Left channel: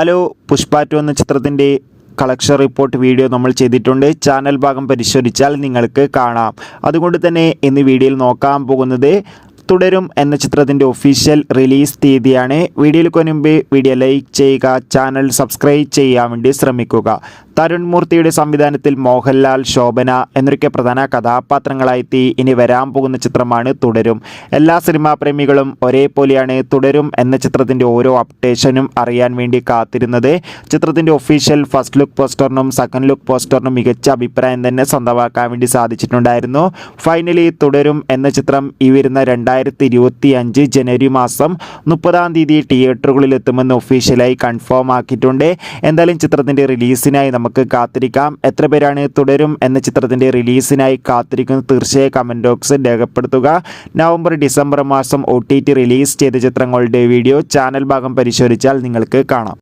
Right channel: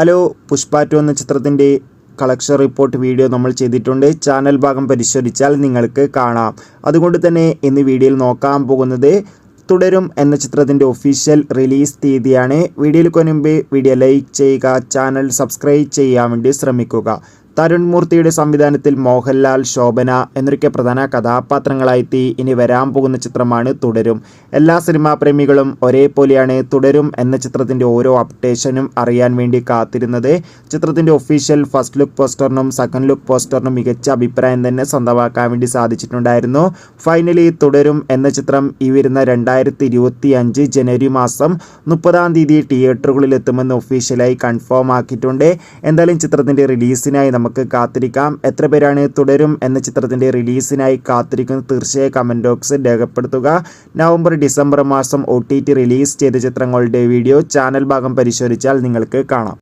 Hello, Pushpa 2 എന്ന ചിത്രത്തിൻ്റെ collection report video നമ്മൾ ചെയ്തിട്ടുണ്ട്. ചാനൽ ഭാഗം പരിശോധിച്ചാൽ നിങ്ങൾക്ക് കാണാം. അതുകൊണ്ട് തന്നെ ഇന്ന് വീഡിയോയിൽ നോക്കാൻ പോകുന്നത് തുടരും എന്ന ചിത്രത്തിൻ്റെ ഒഫീഷ്യൽ റിലീസ് തീയതിയാണ്. വീഡിയോയിൽ മുൻപ് വീഡിയോ ലൈക്ക് ചെയ്യുക, ചാനൽ സബ്സ്ക്രൈബ് ചെയ്യാൻ വേണ്ടി ശ്രമിക്കുക. തരുൺ മൂർത്തിയുടെ സംവിധാനത്തിൽ മോഹൻലാൽ, ശോഭന എന്നൊക്കെ പ്രധാന കഥാപാത്രങ്ങളായെത്തി ഇനി വരാൻ പോകുന്ന ചിത്രമാണ് തുടരും. എല്ലാ സിനിമാ പ്രേമികളും ഒരേപോലെയാണ് തുടരും എന്ന ചിത്രത്തിൻ്റെ ഓരോ അപ്ഡേഷനും അറിയാൻ വേണ്ടി കാത്തിരുന്നത്. ചിത്രത്തിൻ്റെ ഒഫീഷ്യൽ ഫസ്റ്റ് ലുക്ക് പോസ്റ്ററിനും സെക്കൻഡ് ലുക്ക് പോസ്റ്ററിനും മികച്ച അഭിപ്രായം തന്നെ സ്വന്തമാക്കാൻ വേണ്ടി സാധിച്ചിട്ടുണ്ടായിരുന്നു. ഫൈനലി തുടരും എന്ന ചിത്രം ഈ വരുന്ന 2025 ജനുവരി മാസം 30-ാം തീയതി തിയേറ്ററുകളിൽ എത്തുമെന്ന് ഒഫീഷ്യലായി കൺഫേം ആക്കിയിട്ടുണ്ട്. എന്തായാലും ചിത്രത്തിൻ്റെ റിലീസിനായി നമുക്ക് കാത്തിരിക്കാം. എത്ര പേരാണ് തുടരും എന്ന ചിത്രത്തിൻ്റെ റിലീസിനായി കാത്തിരിക്കുന്നത് തീർച്ചയായും കമൻറ്റ് ബോക്സിൽ രേഖപ്പെടുത്തുക. നവംബർ ഡിസംബർ മാസം OTT റിലീസ് ചെയ്ത ചിത്രങ്ങളുടെ വീഡിയോ ചാനൽ ഭാഗം പരിശോധിച്ചാൽ നിങ്ങൾക്ക് കാണാം.